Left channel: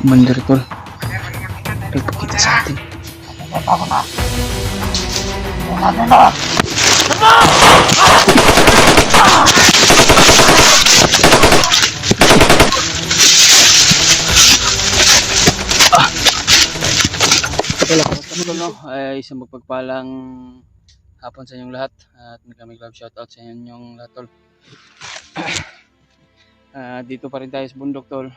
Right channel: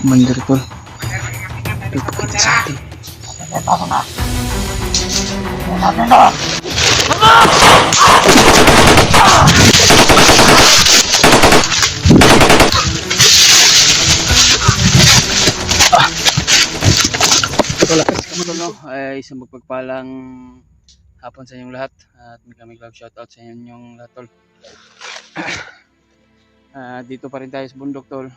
Wonderful. Pagpakita sa atin. Ito no, ay isang magpagpalang hapon sa inyong lahat at kami love shoutout sa inyong lahat tol. Dito pa rin tayo sa bundok tol.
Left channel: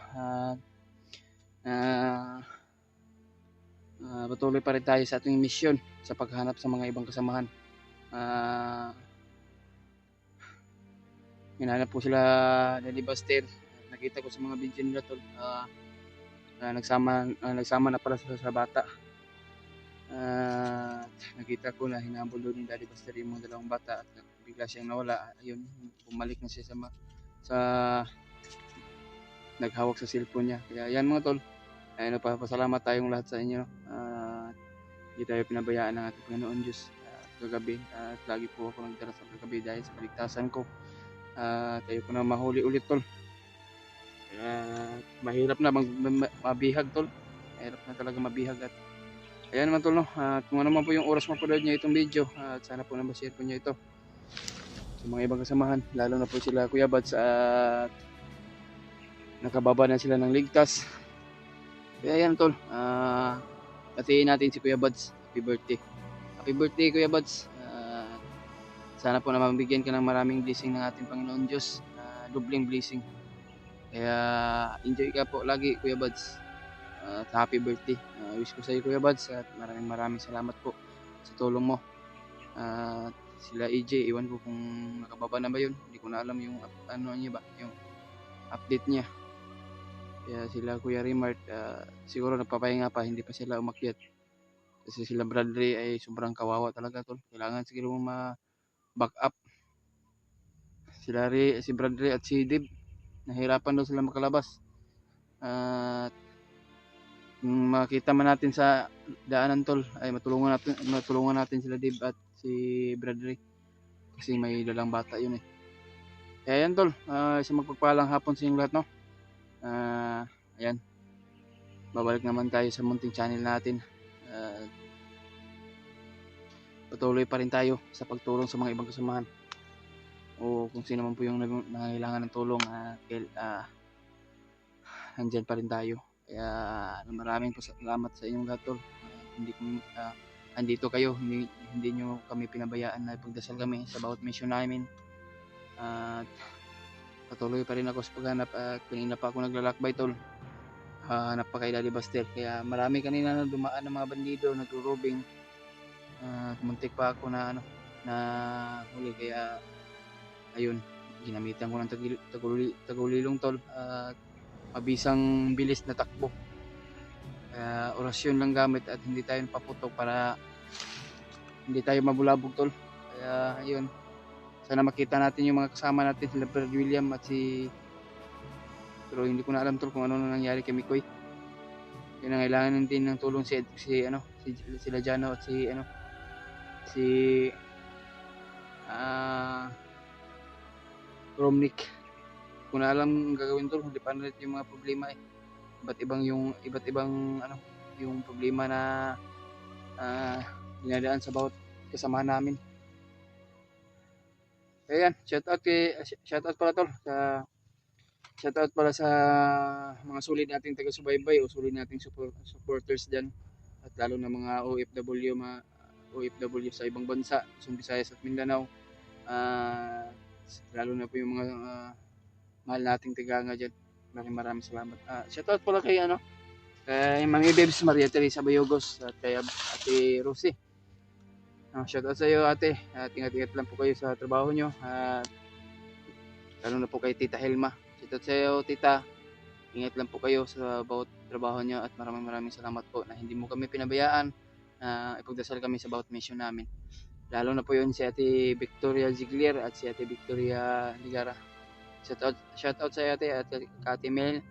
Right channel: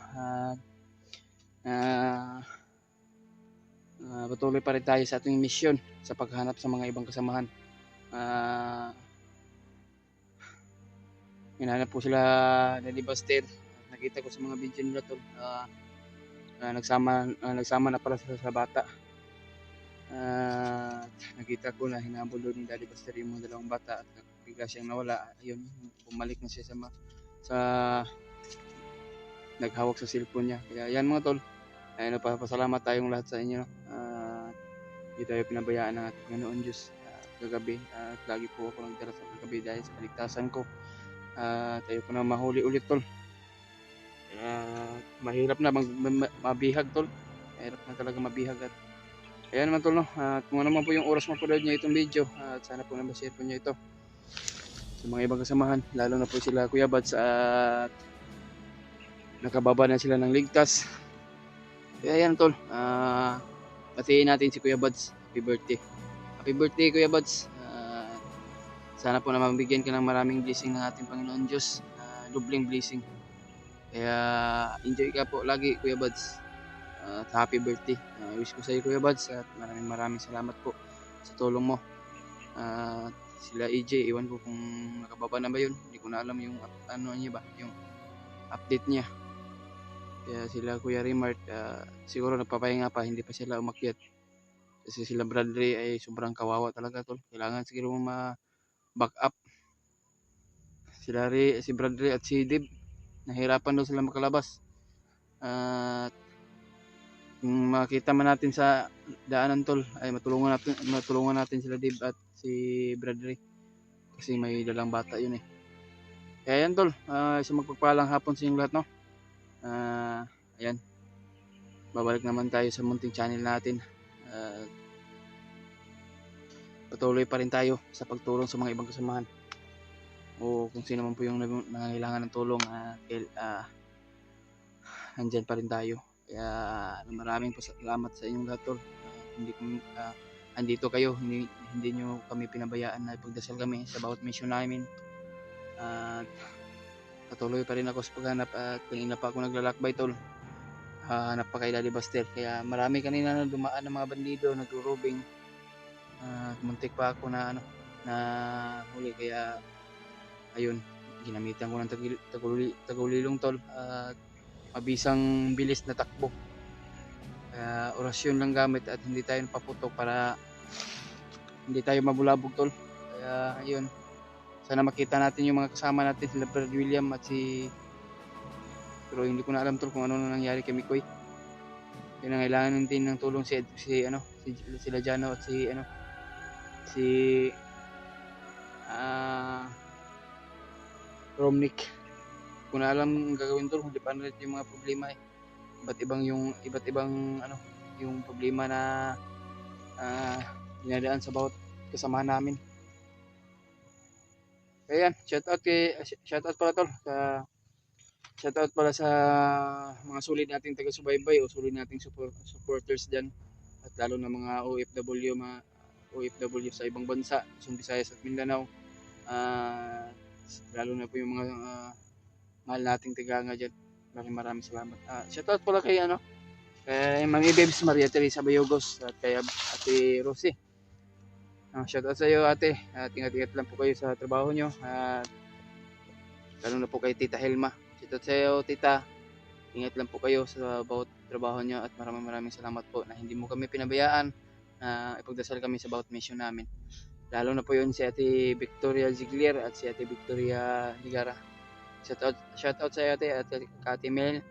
Patuloy pa rin tayo sa ating misyon sa paghanap sa mga ibang kasamahan. Hinahanap po sila Daddy Buster. Nakita ko sa mga video nila tol. Nagsama na pala sila sa bata. Nakita ko na hinabol doon ni Daddy Buster yung mga dalawang bata at bigla siyang nawala. Ayun, bumalik na siya sa naghawak sa cellphone niya. Kaya yan mga tol, ayun, papasalamat tayong lahat sa inyo. Hindi tayo pinabayaan ng ating Panginoon Diyos kagabi. At lagi po ako nagdala sa kagabi dahil sa kaligtasan ko. Tayo ko na mahuli ulit tol. Mahirap na mabihag tol. Mahirap na talaga mabihag. At ayan naman tol no. At kung ano man po yung oras mapanood niya itong video, at sana po na-share po niya ito sa mga ibang kasamahan, lalo na po sila Kuya Buds at nakababa na sila ng ligtas. Kaya ayan tol, batiin natin si Kuya Buds. Happy birthday. Happy birthday Kuya Buds. Sana po na mabigyan ka ng maraming blessing ng ating Panginoon Diyos. Dubling blessing. Kaya enjoy ka po lagi Kuya Buds. At happy birthday. Wish ko sa iyo Kuya Buds at maraming salamat po sa tulong mo. Sila EJ, iwan ko kung nakababa na ba yun. Hindi ko na alam yung ano niya ba, yung update niya. Kaya sila Kuya Remart, siguro nagpapahinga pa, hindi pa sila umakyat. Kasi sila Bradley ay sobrang kawawa talaga tol. Kailangan siguro ma-back up. Si Bradley at si Dib, nahirapan daw sila makalabas. At kung makita man natin sa daanan tol, ay matulungan natin sila Dib at si Bradley. Kasi may dalang bata yun eh. Kaya yan tol, isang magpagpalang hapon sa inyong lahat no. Ayan, babalik naman tayo sa munting channel natin. Patuloy pa rin tayo sa pagtulong sa mga ibang kasamahan o kung sino man po yung nangangailangan ng tulong. Nandyan pa rin tayo. Kaya maraming salamat sa inyong lahat tol. Andito kayo, hindi nyo kami pinabayaan na ipagdasal kami sa bawat mission namin. Patuloy pa rin ako sa paghanap at kanina pa ako naglalakbay tol. Hanap pa kay Daddy Buster. Kaya marami kanina na dumaan ng mga bandido, nagro-robing. Muntik pa ako na huli. Kaya ayun, ginamitan ko ng tagulilong tol at mabisang bilis na takbo. Kaya orasyon lang gamit at hindi tayo napaputok para hindi tayo mabulabog tol. Kaya ayun, sana makita natin yung mga kasama natin, sila Brad William at pero hindi ko na alam tol kung ano nangyari kay Mikoy. Yun ang kailangan din ng tulong sila Jano at si Romnick. Kung na alam ang gagawin tol, hindi pa natin yung mga problema eh. Iba't ibang yung problema na dinadaan sa bawat kasamahan namin. Kaya yan, shoutout pala sa mga sulit nating taga-subaybay o sulit nating supporters dyan. At lalo na mga OFW sa ibang bansa, Luzon, Visayas at Mindanao. Lalo na po yung mga mahal nating tiganga dyan. Maraming salamat. Shoutout pala kay Mami Babes Maria Teresa Bayogos at kay Ate Rosie. Shoutout sa iyo ate. Ingat-ingat lang po kayo sa trabaho nyo. Lalo na po kay Tita Helma. Shoutout sa iyo tita. Ingat lang po kayo sa bawat trabaho nyo at maraming salamat po na hindi mo kami pinabayaan. Ipagdasal kami sa bawat mission namin. Lalo na po yun si Ate Victoria Ziglier at si Ate Victoria Ligara. Shoutout sa iyo ate at kay Ate Mel.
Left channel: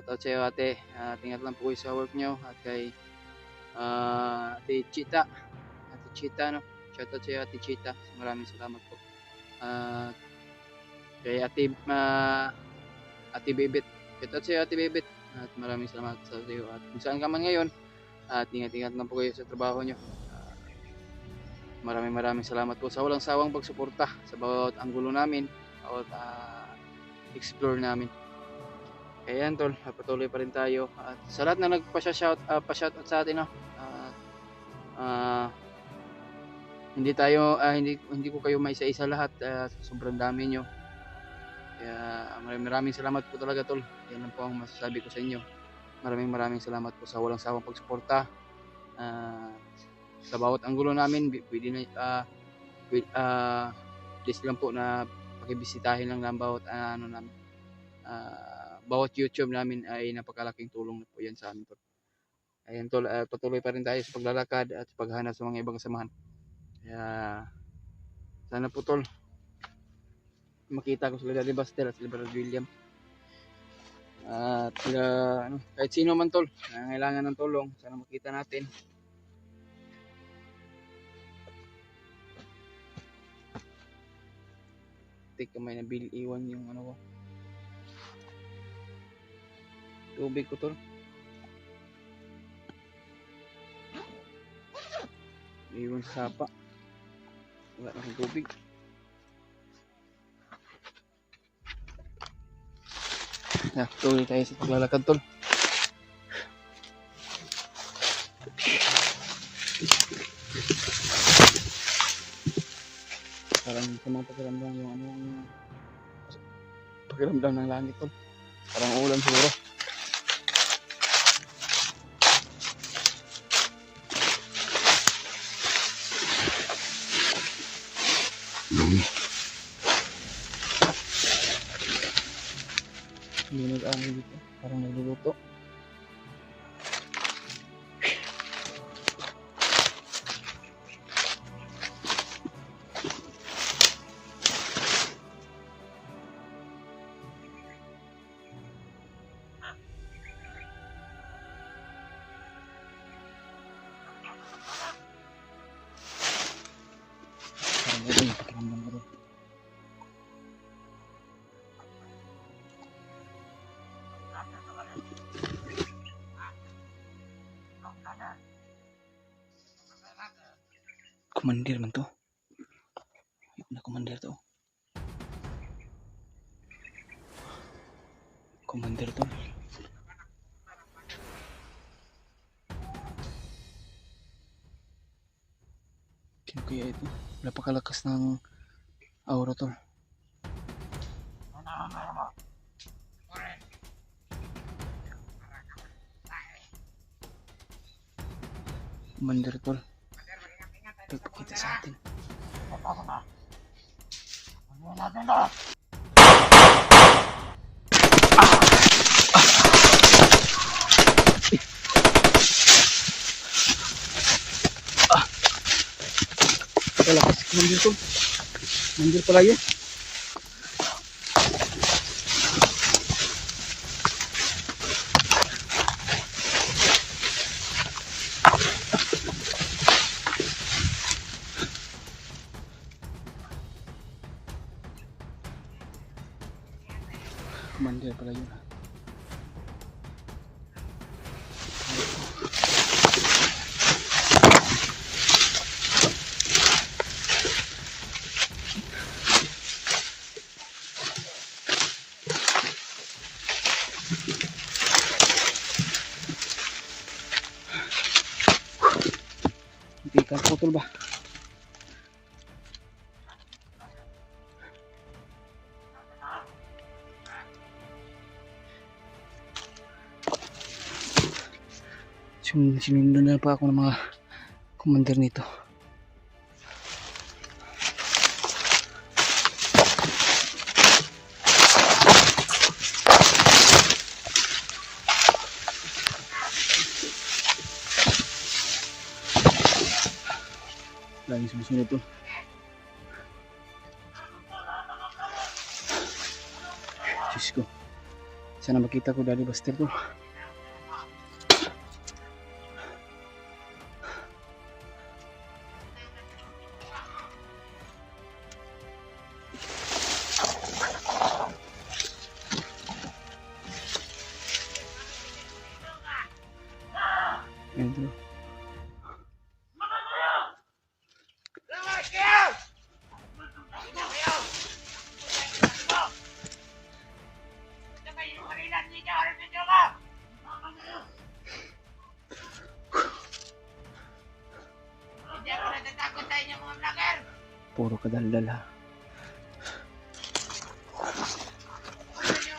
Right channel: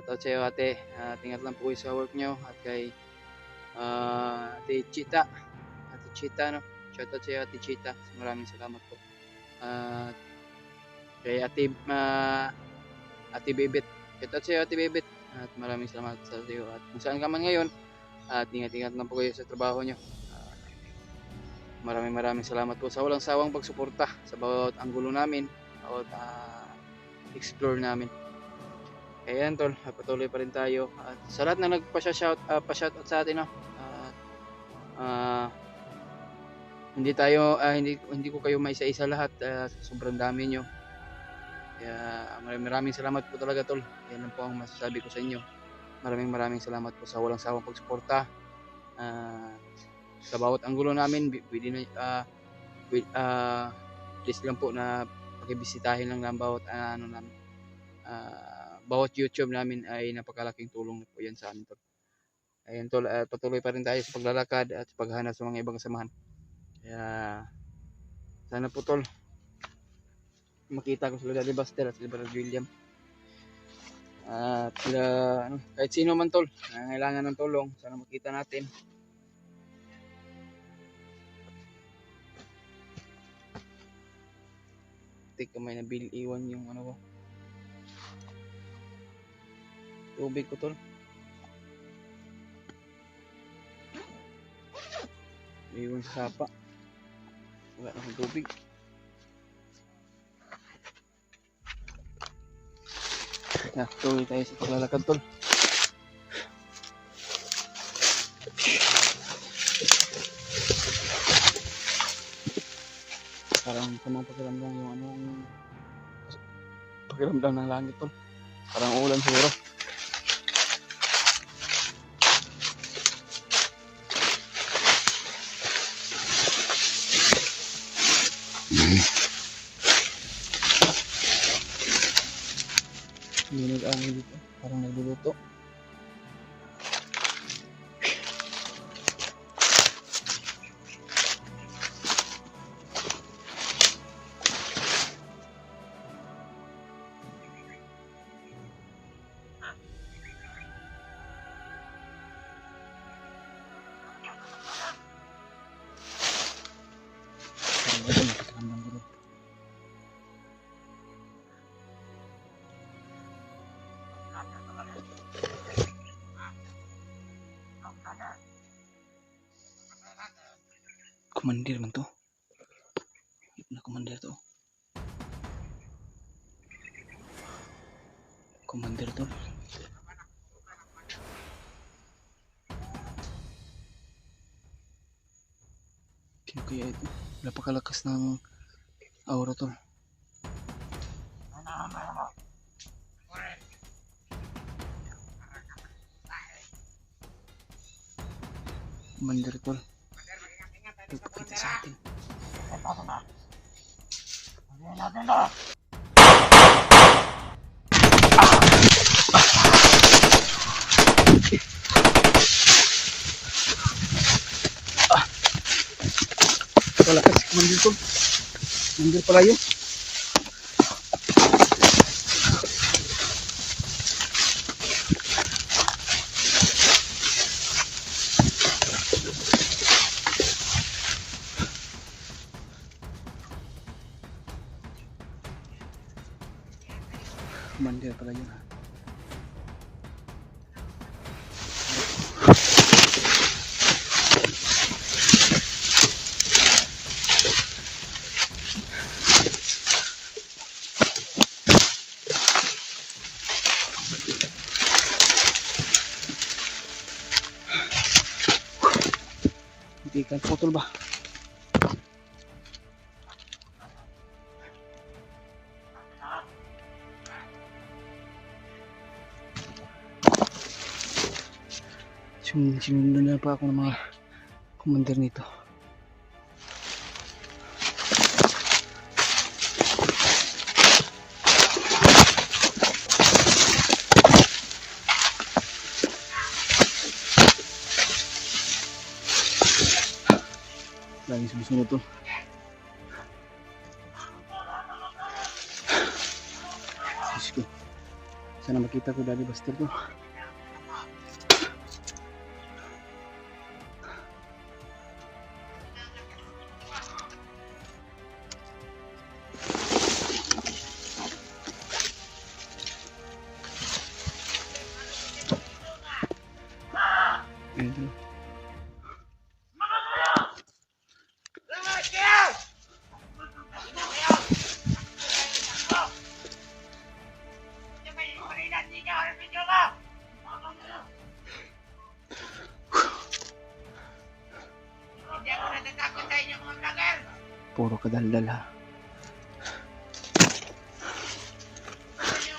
Shoutout sa iyo ate. Ingat lang po kayo sa work nyo at kay Ate Chita. Shoutout sa iyo Ate Chita. Maraming salamat po. Kay Ate Bebet. Shoutout sa iyo Ate Bebet. At maraming salamat sa iyo. At kung saan ka man ngayon, at ingat-ingat lang po kayo sa trabaho nyo. Maraming salamat po sa walang sawang pagsuporta sa bawat anggulo namin, bawat explore namin. Kaya yan tol, patuloy pa rin tayo. At sa lahat na pa-shoutout sa atin, no? Hindi ko kayo maisa-isa lahat, sobrang dami nyo. Kaya maraming salamat po talaga tol. Yan lang po ang masasabi ko sa inyo. Maraming salamat po sa walang sawang pagsuporta. Sa bawat anggulo namin, please lang po na pakibisitahin lang ng bawat bawat YouTube namin ay napakalaking tulong na po yan sa amin tol. Ayan tol, patuloy pa rin tayo sa paglalakad at paghahanap sa mga ibang kasamahan. Kaya sana po tol makita ko sila Daddy Buster at sila Brother William. At sila kahit sino man tol na kailangan ng tulong, sana makita natin. Tik kamay na Bill, iwan yung ko. Tubig ko tol. Iwan sa sapa. Wala na akong tubig. Tuloy tayo sa paglalakad tol. Parang sa mga pakiramdam yung pakiramdam ng langit tol. Parang ulan siguro. Hindi nag-aangin dito. Parang nagluluto. Parang ito yung pakiramdam ko rin. Komandir man to. Na komandir to. Komandir to. Sino kaya ito? Napakalakas ng aura to. Komandir to. Kita sa atin. Kalakas komandir to. Komandir pala yun. Komandir pala yun. Hindi ka putol ba? Sinundo na pa ako ng mga commander nito. Lagi sumusunod to. Diyos ko. Sana makita ko Daddy Buster to. Ayan, tol. Hindi ako natatakot sa inyo mga vlogger. Puro kadaldal ha. Gusto nyo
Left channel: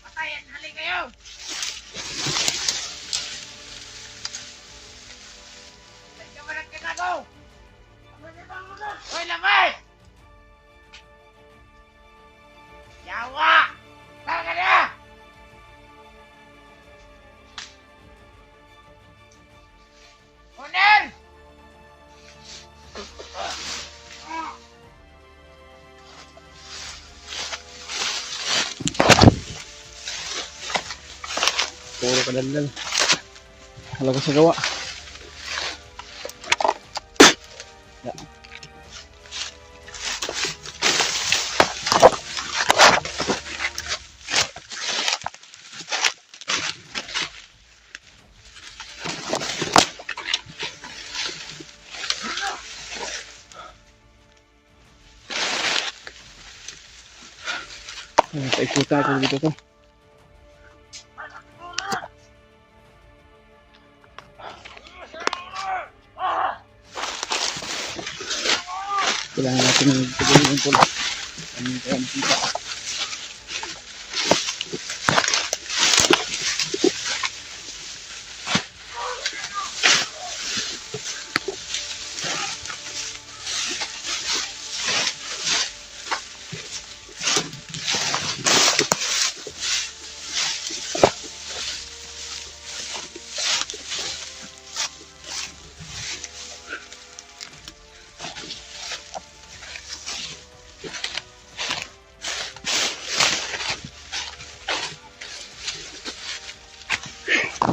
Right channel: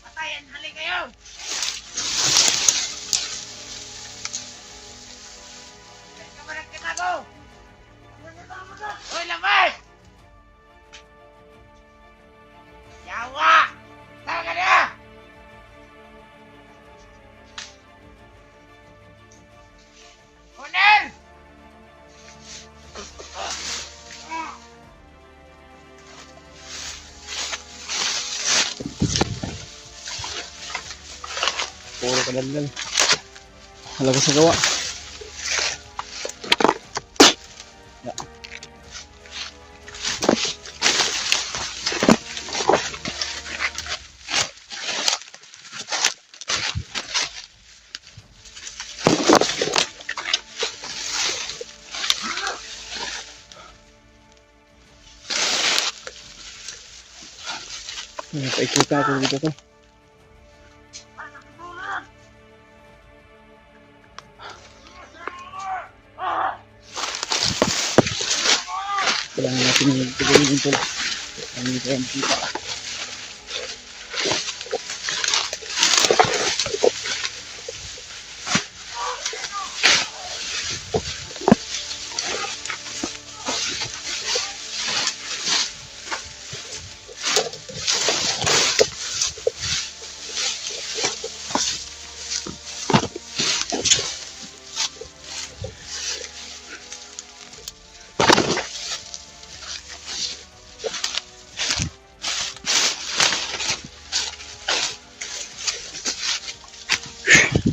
patayan, hali kayo. Huwag ka malang kinago. Hoy, lamay! Yawa! Saan ka na? Onel! Puro kadaldal. Halaga sa gawa. Yeah. Paikutan ako dito to. Kailangan natin magpagawin yung tol. Ano nito yung kita.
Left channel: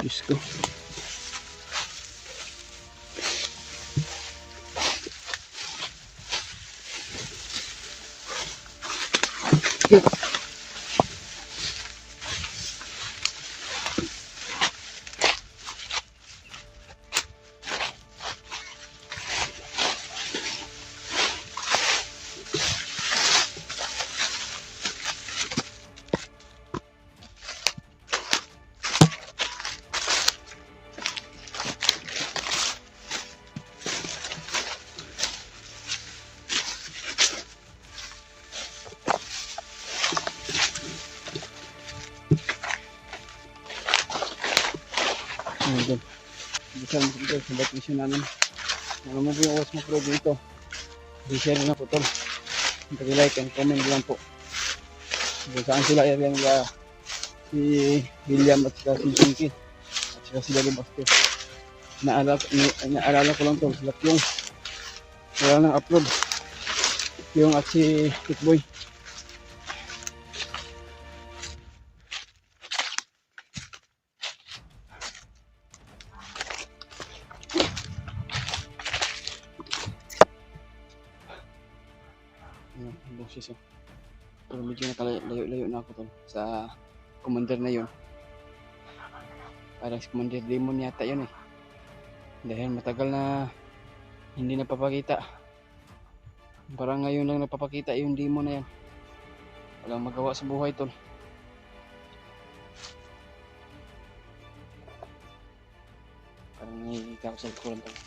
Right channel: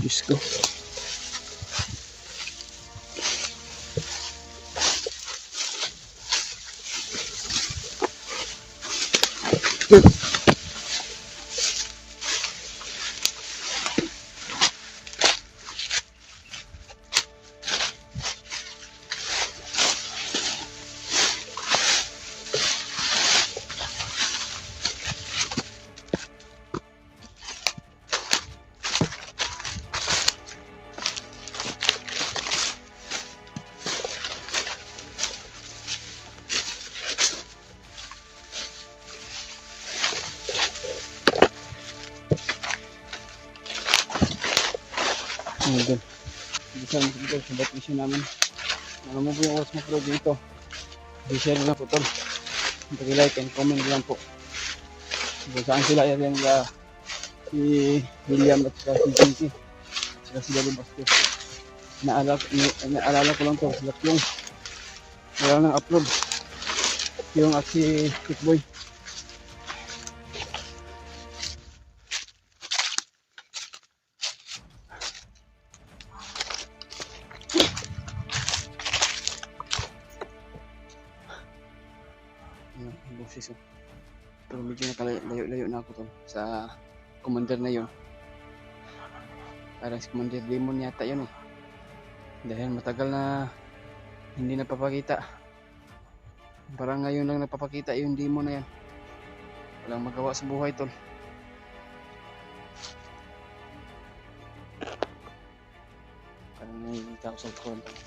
Diyos ko. Ayan, bisa mo dito sa vacation namin. Ano mo po yung oras mo po dito. I-share na po tol. Pag-like and comment lang po. Kung saan sila yan si William at saka si Jinky at saka si Lalo Bastos. Naalala ko lang to. Sila yung wala nang upload. Yung at si Tikboy. Yung boses oh. Pero medyo nakalayo-layo na ako tol sa commander na yun. Parang si Commander Demon yata yun eh. Dahil matagal na hindi napapakita. Parang ngayon lang napapakita yung demon na yan. Walang magawa sa buhay tol. Parang nakikita ko sa likuran tol.